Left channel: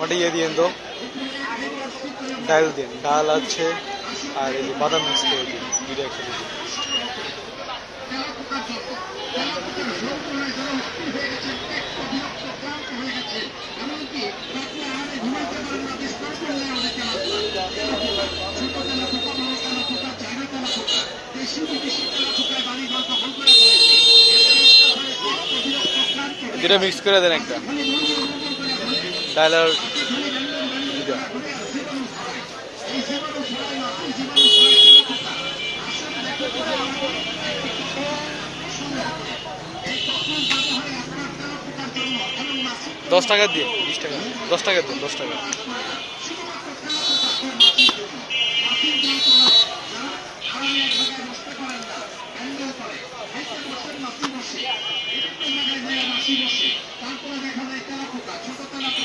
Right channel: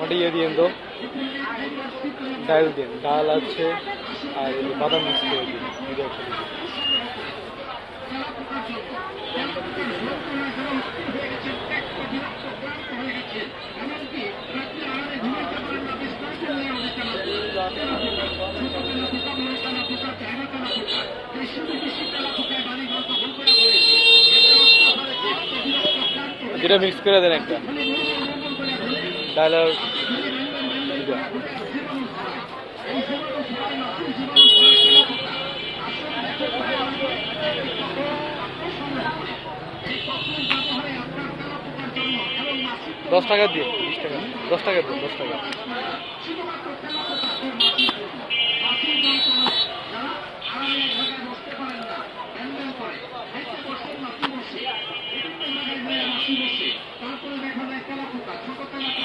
ওটা ইয়ে দিন তো, ডাল দিন, ডাল আছে আর এই যে বাদাম মিক্স করে দিন, দুটো একসাথে দিন। দুটা মিক্স করে দেন, একটা ডাল আর দুটা। $10 দিয়ে, 20 টাকা, $10 দিন, $10। তারপরে দেখা যায় তেলাপোকা, ছোট তেলাপোকা।